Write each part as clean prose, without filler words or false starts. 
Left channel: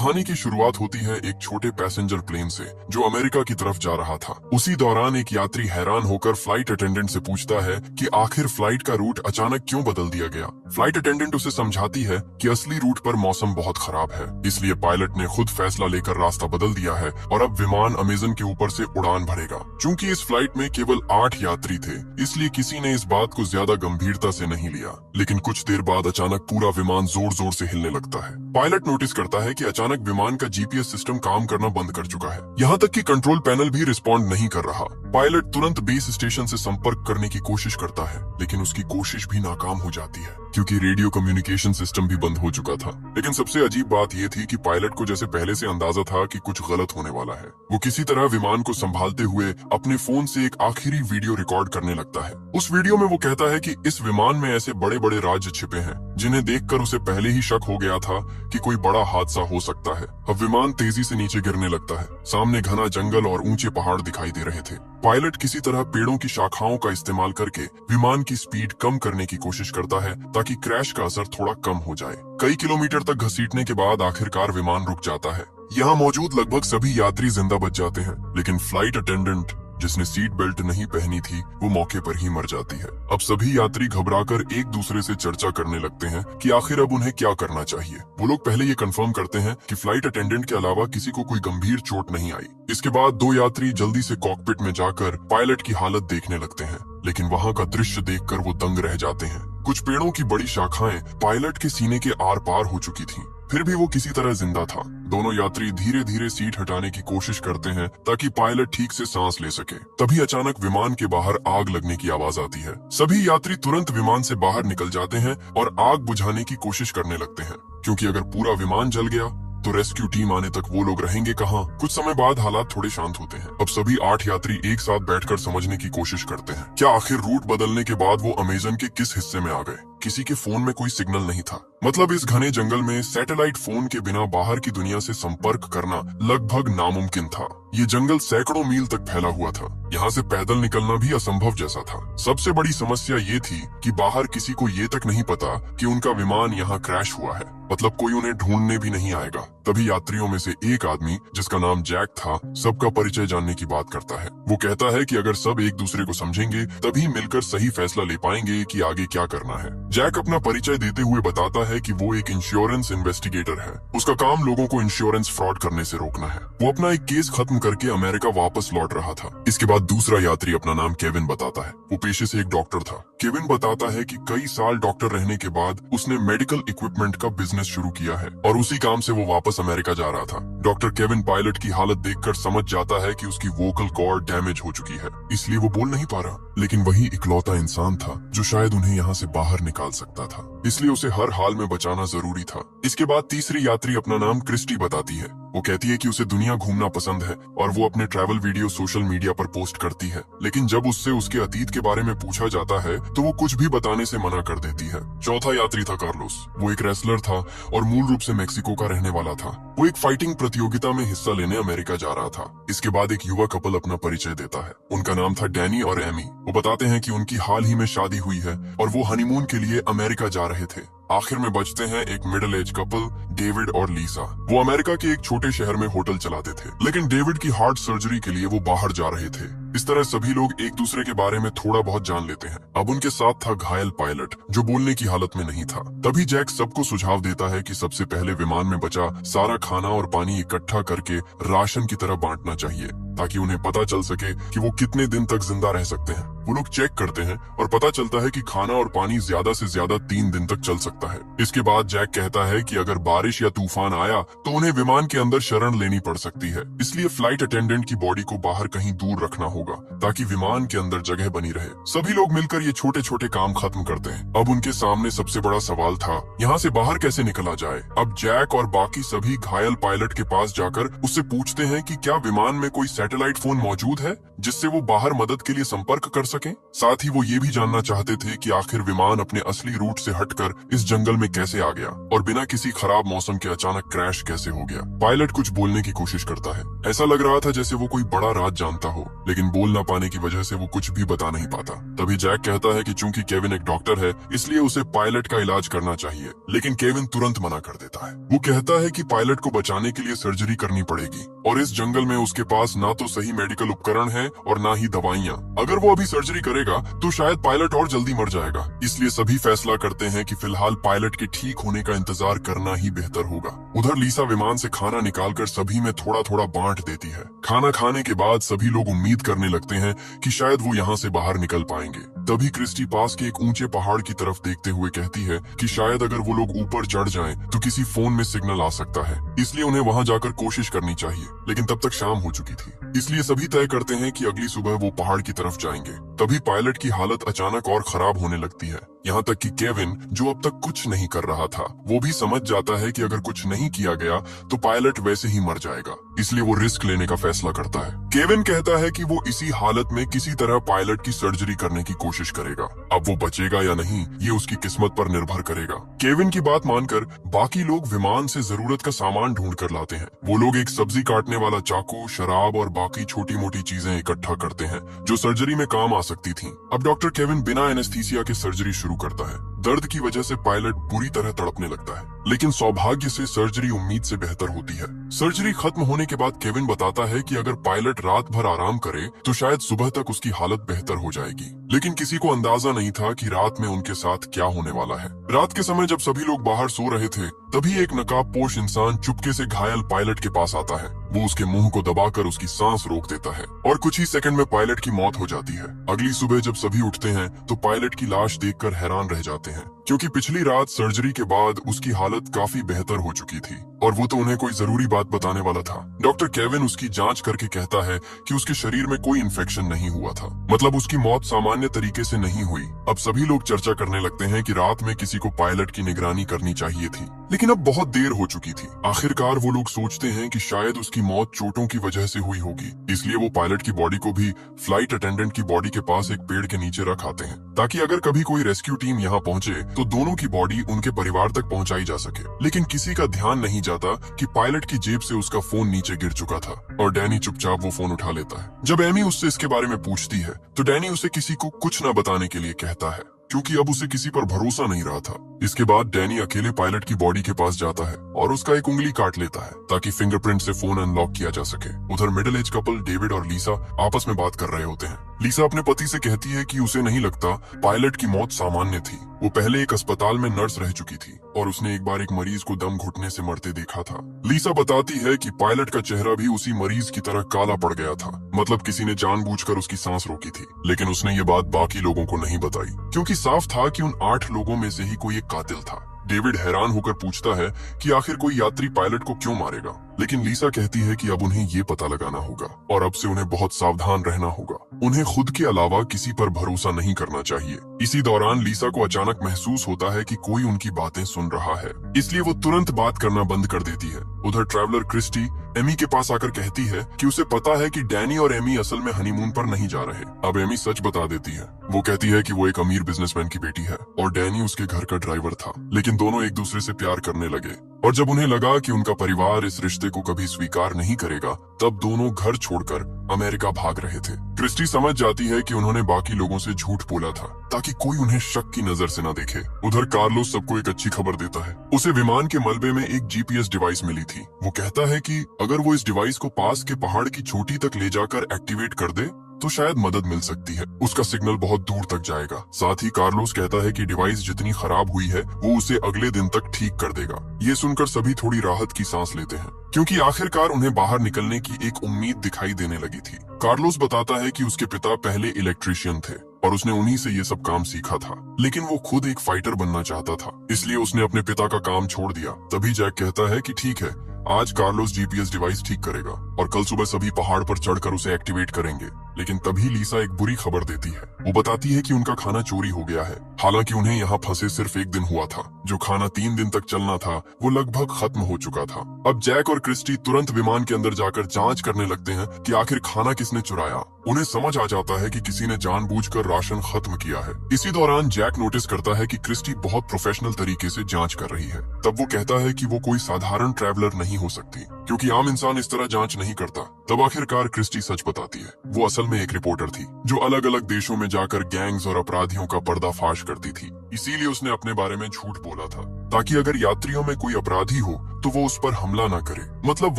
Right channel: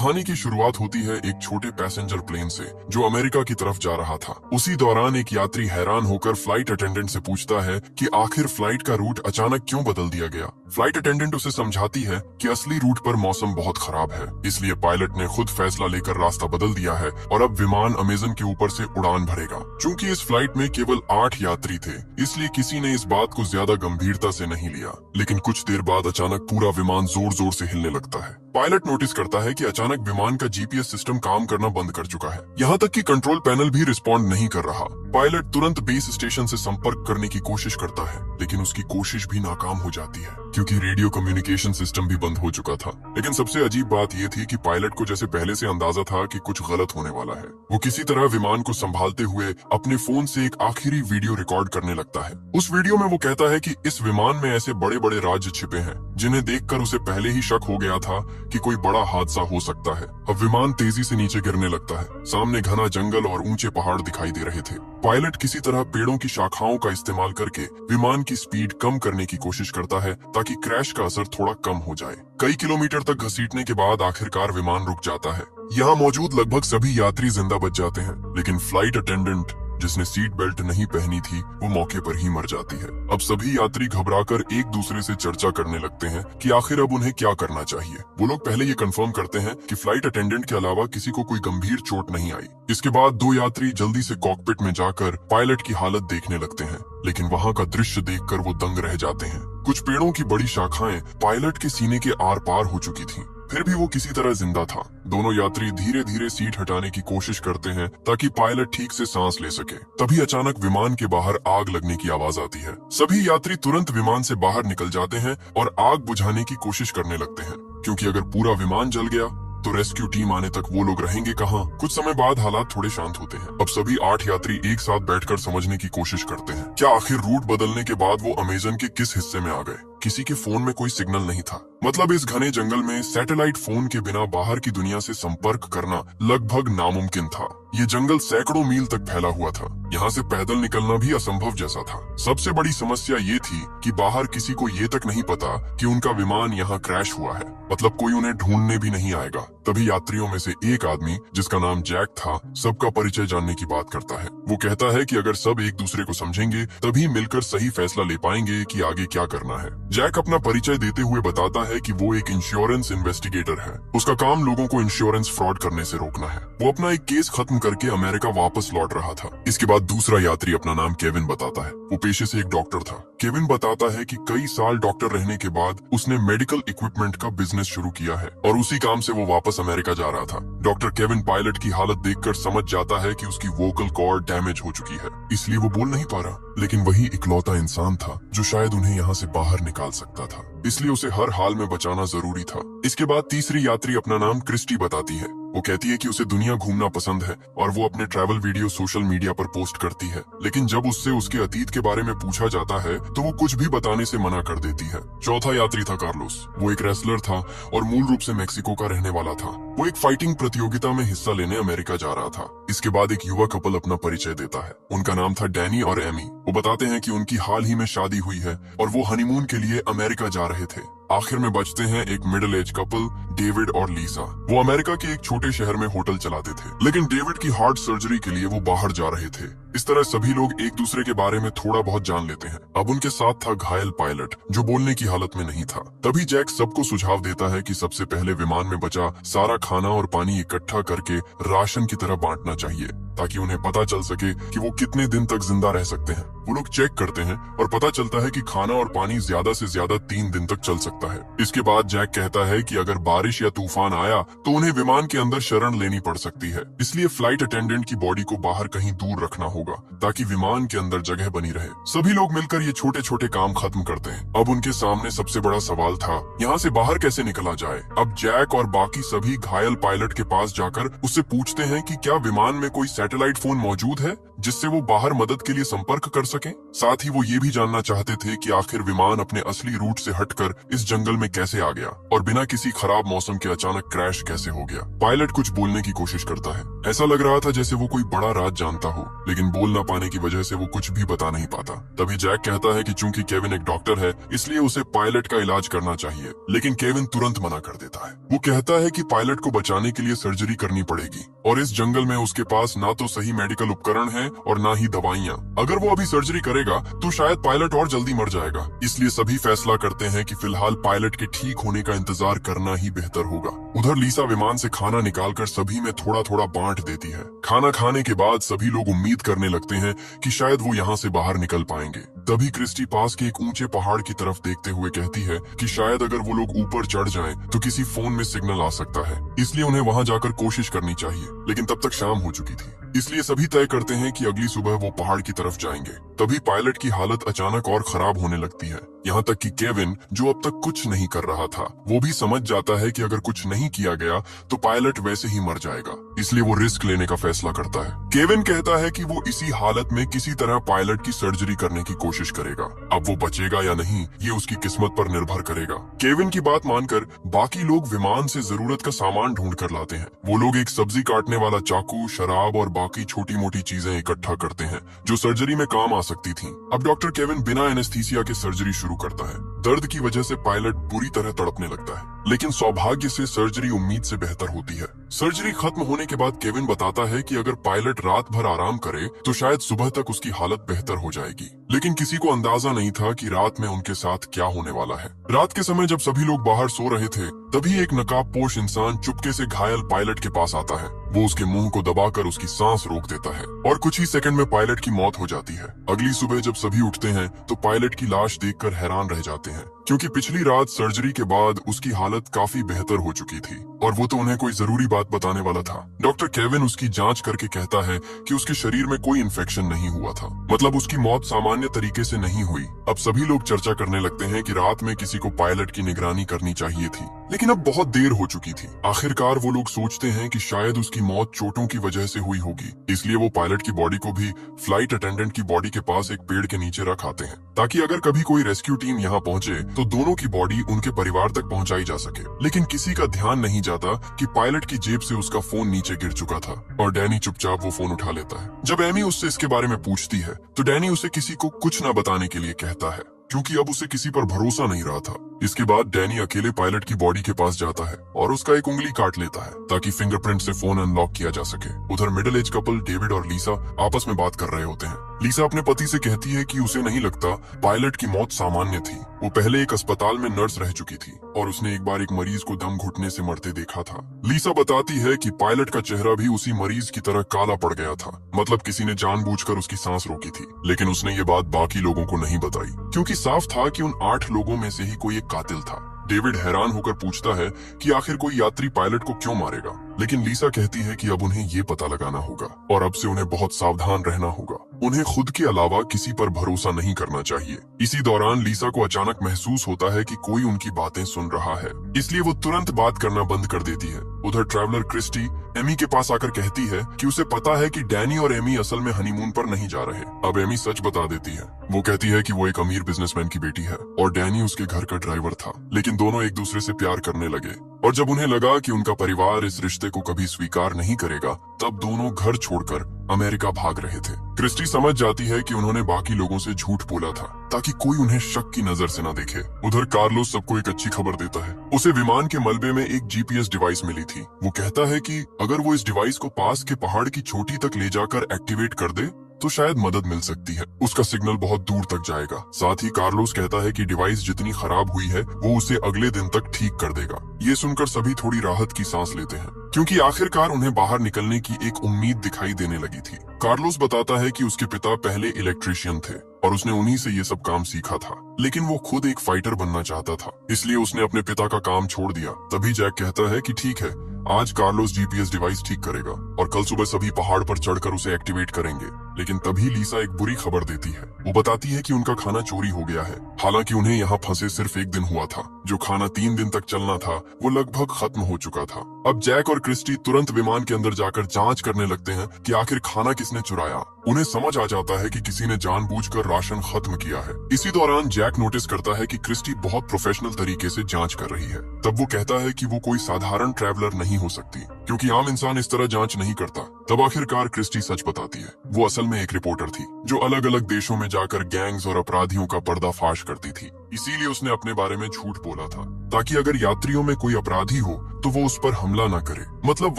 कहानी की शुरुआत होती है एक छोटे पैसेंजर प्लेन से जो अमेरिका की तरफ जा रहा था। उसी दौरान एक यात्री हैरान होकर फ्लाइट अटेंडेंट से पूछता है कि आखिर फ्लाइट का रूट अचानक क्यों बदल दिया गया। फ्लाइट अटेंडेंट उसे समझाती है कि असली रूट पर मौसम बहुत खराब है, इसलिए पायलट ने खुद फैसला लेकर रास्ता बदल दिया है और अब विमान अमेजन के ऊपर से उड़ान भरेगा। चूंकि इस फ्लाइट में केवल 8 यात्री थे, इसलिए किसी ने इस बात को ज्यादा गंभीरता से नहीं लिया। लेकिन कुछ देर बाद अचानक पूरा विमान जोर जोर से हिलने लगता है। पायलट नोटिस करता है कि अचानक विमान का जीपीएस सिस्टम काम करना बंद कर चुका है, यहाँ तक कि कंट्रोल पैनल भी रिस्पॉन्ड नहीं कर रहा। पायलट तुरंत बेस स्टेशन से संपर्क करने की कोशिश करता है, लेकिन उसकी कोशिश भी नाकाम हो जाती है क्योंकि रेडियो कम्युनिकेशन सिस्टम भी बंद हो चुका था। लेकिन सबसे अजीब बात यह थी कि पायलट को जैसे पहले से अंदाजा था कि कुछ गलत होने वाला है। वो किसी तरह विमान को संभालते हुए अपने फोन से एक आखिरी वीडियो रिकॉर्ड करने लगता है। उस वीडियो में वो कहता है कि इस विमान में ऐसे बड़े बड़े राज्य छिपे हैं जिन्हें देखकर उसे पहले ही शक हो गया था कि कोई बड़ा हादसा हो सकता है। अब विमान तेजी से नीचे गिरने लगता है। सामने घना जंगल और ऊंचे पहाड़ दिखाई दे रहे थे। पायलट किसी तरह पेड़ों की शाखाओं का इस्तेमाल करके विमान की स्पीड कम करने की कोशिश करता है ताकि क्रैश का असर थोड़ा कम हो जाए। कई किलोमीटर तक घसीटने के बाद आखिरकार विमान रुक जाता है। यहाँ मौजूद लगभग सभी यात्री जिंदा बच जाते हैं, लेकिन फ्लाइट अटेंडेंट जिसने सीट बेल्ट नहीं पहनी थी वो मौके पर ही मर जाती है। अब सभी यात्री घबराकर एक दूसरे से चर्चा करने लगते हैं कि आखिर अब उन्हें क्या करना चाहिए। वो लोग पहले ये कंफर्म करते हैं कि फ्लाइट अटेंडेंट के अलावा किसी को कोई गंभीर चोट नहीं आई। इसके बाद 2 यात्री जल्दी से कॉकपिट में जाकर पायलट की हालत देखने लगते हैं, लेकिन वहाँ का दृश्य देखकर वो दंग रह जाते हैं। कुछ पेड़ों की बड़ी शाखाएं पायलट के सीने के आर पार हो चुकी थी, फिर भी वो किसी तरह जिंदा था। दोनों यात्री धीरे धीरे सीट हटाने की कोशिश करते हैं ताकि पायलट ठीक से सांस ले सके। तभी अचानक विमान के बाहर आग लगने की आवाज आती है। सभी यात्री तुरंत विमान से बाहर निकल जाते हैं और आग बुझाने की कोशिश करने लगते हैं, क्योंकि अगर पूरा विमान जल गया तो रेस्क्यू टीम आने तक वो लोग रहेंगे कहाँ। कुछ समय बाद हालात थोड़े शांत होते हैं। अब सभी 8 यात्री एक साथ बैठकर समझने की कोशिश करते हैं क्या आखिर रूट बदलने के बाद वो अमेजन के किस हिस्से में आ गए। किसी के फोन में कोई सिग्नल नहीं था, मतलब इस घने जंगल में सैटेलाइट फोन के बिना बाहर की दुनिया से संपर्क करना लगभग नामुमकिन था। ये जंगल सैकड़ों मील तक फैला हुआ था, यहाँ से पैदल निकलना भी असंभव जैसा था। सबसे बड़ी समस्या ये थी कि बाहर किसी को ये तक नहीं पता कि उनका विमान यहाँ क्रैश हुआ है, मतलब कोई उन्हें ढूंढने भी नहीं आएगा। तभी यात्रियों में से एक आदमी जिसका नाम जैक था सबका परिचय जानने की बात करता है। वो कहता है कि अगर सब एक दूसरे को समझेंगे तभी मिलकर सही फैसला ले पाएंगे कि आगे क्या करना है। जैक अपना परिचय देते हुए बताता है कि वो एक इंश्योरेंस इन्वेस्टिगेटर है। उसका काम लोगों को इंश्योरेंस फ्रॉड करने से रोकना है। वो अपना एक केस खत्म करके अमेरिका वापस लौट रहा था। इसके बाद दूसरा यात्री अपना नाम केविन बताता है। वो पेशे से एक डॉक्टर था। केविन बताता है कि कई साल डॉक्टर रहने के बाद उसने मेडिकल इक्विपमेंट का बिजनेस शुरू किया है और उसी काम से वो वापस अमेरिका जा रहा था। डॉक्टर केविन पायलट की हालत देखकर समझ जाता है कि उसकी वोकल कॉर्ड डैमेज हो चुकी है, इसलिए वो बोल नहीं पा रहा। लेकिन वही इकलौता इंसान था जो शायद उन्हें यहाँ से बाहर निकाल सकता था, इसलिए उसे हर हाल में बचाना जरूरी था। इसके बाद तीसरी यात्री अपना नाम क्रिस्टी बताती है। वो कहती है कि उसे दुनिया घूमना पसंद है और वो अपने ट्रैवल वीडियो सोशल मीडिया पर पोस्ट करती है, लेकिन जब उससे उसके अतीत के बारे में पूछा जाता है तो वो कुछ भी बताने से मना कर देती है। चौथा यात्री था कार्लोस। वो एक रेसलर था और मूल रूप से मेक्सिको का रहने वाला था। वो एक फाइटिंग प्रतियोगिता में हिस्सा लेने अमेरिका जा रहा था। इसके बाद एक युवा कपल अपना परिचय देता है। उनका नाम था डैनी और एमी। वो बताते हैं कि उनकी हाल ही में शादी हुई है और वो हनीमून के लिए अमेरिका जा रहे थे। आखिर में बचते हैं एक मिडिल एज कपल डेविड और लीसा। वो अमेरिका के एक छोटे शहर में होटल चलाते थे, लेकिन डेविड की हार्ट सर्जरी के लिए वो बाहर जा रहे थे। इस तरह सभी लोग एक दूसरे के बारे में थोड़ा बहुत जान लेते हैं। अब उनके साथ था घायल पायलट जो बोलने की हालत में नहीं था। तभी जैक सबको सुझाव देता है कि सबसे पहले विमान में बचा सारा खाना और पानी इकट्ठा करके राशन की तरह बांटना चाहिए ताकि उन्हें पता चल सके कि वो कितने दिन तक जिंदा रह सकते हैं। वो लोग चेक करते हैं और पता चलता है कि खाना और पानी ज्यादा से ज्यादा 3 दिन तक चल सकता है। इसके बाद जैक कहता है कि अगर बारिश या तूफान आया तो उन्हें विमान के अंदर शरण लेनी पड़ सकती है, इसलिए फ्लाइट अटेंडेंट की बॉडी को बाहर कहीं दूर रखना होगा ताकि विमान के अंदर जगह बनी रहे। सभी लोग मिलकर ये छोटे छोटे काम खत्म करते हैं। अब उनके सामने सबसे बड़ा सवाल था यहाँ से बाहर कैसे निकला जाए। अब जैक और बाकी सभी घायल पायलट के पास जाकर उससे पूछते हैं कि क्या विमान में कोई सैटेलाइट फोन मौजूद है जिससे वो बाहर मदद के लिए संपर्क कर सकें। साथ ही वो ये भी जानना चाहते थे कि आखिर विमान अपने असली रूट से हटकर इस जंगल में कैसे आ गया और बिना किसी खराब मौसम के अचानक क्रैश कैसे हो गया। पायलट कुछ बोलने की कोशिश करता है। ऐसा लग रहा था जैसे वो कोई बड़ा राज जानता हो, लेकिन बोल न पाने की वजह से वो कुछ भी बता नहीं पाता। तभी जैक कहता है कि चूंकि केविन एक डॉक्टर है, इसलिए उसे पायलट का इलाज करना चाहिए, लेकिन केविन तुरंत मना कर देता है। वो कहता है कि पायलट को बचाने के लिए सर्जरी करनी पड़ेगी और इस जंगल में उसके पास ना तो सही मेडिकल उपकरण है और ना ही दवाइयाँ। अगर वो अभी सर्जरी करेगा तो शायद पायलट और जल्दी मर जाएगा। इसलिए सभी फैसला करते हैं कि फिलहाल पायलट के ठीक होने का इंतजार करना ही बेहतर होगा। उधर लीसा विमान से खाना निकालकर सभी में थोड़ा थोड़ा बांट देती है। खाना खाने के बाद सभी लोग उम्मीद करने लगते हैं कि शायद वो यहाँ से बाहर निकल पाएंगे। तभी क्रिस्टी पास के एक ऊंचे पहाड़ की तरफ देखते हुए कहती है कि शायद अगर वो लोग ऊपर चढ़ जाएं तो किसी फोन में सिग्नल आ सकता है, इसलिए उन्हें वहां जाकर कोशिश करनी चाहिए। लेकिन तब तक शाम हो चुकी थी, इसलिए सभी तय करते हैं कि अगली सुबह वो पहाड़ की तरफ जाएंगे। तभी पायलट की हालत अचानक और खराब होने लगती है, यहाँ तक कि केविन, जो अब तक कुछ नहीं कर रहा था, वो भी समझ जाता है कि अगर कुछ नहीं किया गया तो पायलट वैसे ही मर जाएगा। इसलिए वो रिस्क लेने का फैसला करता है। केविन कहता है कि वो इसी हालत में किसी तरह पायलट की सर्जरी करने की कोशिश करेगा। अब वो बचेगा या नहीं, ये उसकी किस्मत पर निर्भर करेगा। केविन की बात मानकर बाकी लोग विमान से जरूरत का सामान ढूंढ कर लाते हैं। वो लोग एक सब्जी काटने वाला चाकू, शराब और बाकी छोटी मोटी चीजें इकट्ठा करते हैं जो सर्जरी में काम आ सकती थी। अब डॉक्टर केविन बिना एनेस्थीसिया के सर्जरी शुरू करता है। दर्द की वजह से पायलट बुरी तरह तड़पने लगता है, लेकिन सौभाग्य से सर्जरी उम्मीद से बेहतर होती है। सर्जरी खत्म होने के बाद केविन बताता है कि अगर पायलट रात भर आराम करे तो शायद सुबह तक उसकी हालत बेहतर हो जाएगी। लेकिन किसी को अंदाजा नहीं था कि रात में उनके साथ क्या होने वाला है। रात के समय जब सभी लोग बाहर सो रहे थे, तभी एक नकाबपोश इंसान चुपके से घायल पायलट के पास आता है। वो उसके मुंह को दबाकर उसकी सांस रोक देता है और कुछ ही सेकंड में पायलट की मौत हो जाती है। अगली सुबह जब सभी उठते हैं तो पायलट की लाश देखकर हैरान रह जाते हैं, क्योंकि पिछली रात सर्जरी के बाद उसकी हालत काफी बेहतर हो चुकी थी और वो तो उन्हें कोई जरूरी बात बताने वाला था। डॉक्टर केविन उसकी जांच करके कहता है कि उसके शरीर में कोई इन्फेक्शन नहीं हुआ था, मतलब उसकी मौत सामान्य तरीके से नहीं हुई। अब सभी लोग चर्चा करने लगते हैं कि रात में किसी को पायलट की निगरानी करनी चाहिए थी, लेकिन अब बहुत देर हो चुकी थी। आखिरकार वो लोग सोचते हैं कि शायद उसकी मौत चोटों की वजह से हुई होगी, इसलिए वो पायलट की बॉडी को भी फ्लाइट अटेंडेंट की बॉडी के पास एक पेड़ के नीचे रख आते हैं, ताकि अगर कभी कोई रेस्क्यू टीम यहाँ पहुंचे तो दोनों की बॉडी उनके परिवार तक पहुंचाई जा सके। लेकिन किसी का ध्यान नहीं जाता कि पायलट की जेब से उसका फोन नीचे गिर चुका था और डैनी चुपचाप वो फोन उठा लेता है। जब एमी उससे इसके बारे में पूछती है तो डैनी उसे किसी को कुछ न बताने के लिए कहता है, क्योंकि अब उसे किसी पर भरोसा नहीं रहा था। इसके बाद डैनी अकेले पायलट की बॉडी के पास जाता है और उसका एक उंगली काट लेता है ताकि फिंगरप्रिंट से फोन अनलॉक किया जा सके। उधर मिडिल एज कपल डेविड और लीसा आपस में बात कर रहे होते हैं। लीसा अपने पति से कहती है कि उसे नहीं लगता पायलट की मौत सामान्य थी। वो पहले एक अस्पताल में नर्स रह चुकी थी और उसने एक बार एक मरीज को दम घुटने से मरते देखा था। लीसा बताती है कि पायलट का चेहरा भी उसी मरीज की तरह काला पड़ गया था, मतलब किसी ने जानबूझकर उसकी सांस रोकी थी। लेकिन उसने ये बात बाकी लोगों को नहीं बताई, क्योंकि साफ था कि उन 8 लोगों में से ही कोई एक कातिल था। डेविड हैरान होकर पूछता है कि आखिर कोई यात्री पायलट को क्यों मारेगा, लेकिन लीसा कहती है कि अब उन्हें ये पता लगाना होगा और अब से उन्हें बहुत सावधान रहना होगा। उन्हें खुद के अलावा किसी पर भरोसा नहीं करना चाहिए। इसी दौरान लीसा को अचानक महसूस होता है कि कोई उनकी बातें सुन रहा है, इसलिए वो तुरंत बात करना बंद कर देती है। उधर ट्रैवलर क्रिस्टी एमी के पास आकर कहती है कि उसे पता है कि डैनी और एमी असल में हनीमून पर नहीं जा रहे। अब एमी सच बता देती है। वो कहती है कि वो एक अमीर बिजनेसमैन की बेटी है और डैनी उसके घर का ड्राइवर था, लेकिन दोनों एक दूसरे से प्यार करने लगे और जब उन्हें लगा कि उनका परिवार इस रिश्ते को कभी स्वीकार नहीं करेगा, तब दोनों घर छोड़कर अमेरिका भाग रहे थे। क्रिस्टी समझ जाती है कि उन्होंने बाकी लोगों से झूठ बोला था ताकि कोई उन्हें शक की नजर से न देखे। उधर कार्लोस सबको एक अच्छी खबर देता है। उसे विमान के मलबे में एक जीपीएस डिवाइस मिली थी। वो कहता है कि अगर वो इस डिवाइस को पास के पहाड़ की चोटी तक ले जाकर एक्टिवेट कर दे तो शायद मदद मिल सकती है। उसका सिग्नल बहुत दूर तक जाएगा। साथ ही कार्लोस कहता है कि डिवाइस जितनी खराब हुई है वो उसे अगले दिन तक ठीक कर देगा। ये सुनकर सभी थोड़ी राहत की सांस लेते हैं, क्योंकि आखिरकार उन्हें बाहर निकलने की एक उम्मीद दिखाई देने लगी थी। कार्लोस बताता है कि उसके पिता पहले इलेक्ट्रिशियन थे और उसने उन्हीं से ये सब काम सीखा था, लेकिन वो खुद एक फाइटर बनना चाहता था, इसलिए उसने अपने पिता का काम छोड़ दिया। तभी जैक कहता है कि ठीक है, आज कार्लोस जीपीएस डिवाइस ठीक करेगा और कल सुबह सभी पहाड़ पर चढ़कर उसे एक्टिवेट करेंगे। लेकिन तभी लीसा एक बुरी खबर देती है। वो बताती है कि उनका खाना चोरी हो गया है। हालांकि उन्हें यहाँ फंसे सिर्फ एक दिन हुआ था। जो खाना 3 दिन तक चलना था वो लगभग खत्म हो चुका था। अब जैक और क्रिस्टी तुरंत विमान के अंदर जाकर जांच करने लगते हैं कि आखिर खाना किसने चुराया। उन्हें समझ आ जाता है कि किसी ने जानबूझकर राशन खत्म किया है। इसी दौरान जैक नोटिस करता है कि क्रिस्टी बहुत प्रोफेशनल तरीके से जांच कर रही है। तब वो कहता है कि वो कोई साधारण ट्रैवलर नहीं हो सकती, क्योंकि आम इंसान इस तरह जांच नहीं करता। तब आखिरकार क्रिस्टी सच बताती है। वो असल में एक रिपोर्टर थी जो अलग अलग देशों में जाकर गैंग्स और अपराधियों का पर्दाफाश करती थी। इसीलिए उसने अपने बारे में झूठ बोला था, ताकि अगर यात्रियों में कोई अपराधी हो तो वो उस पर हमला न करे। मतलब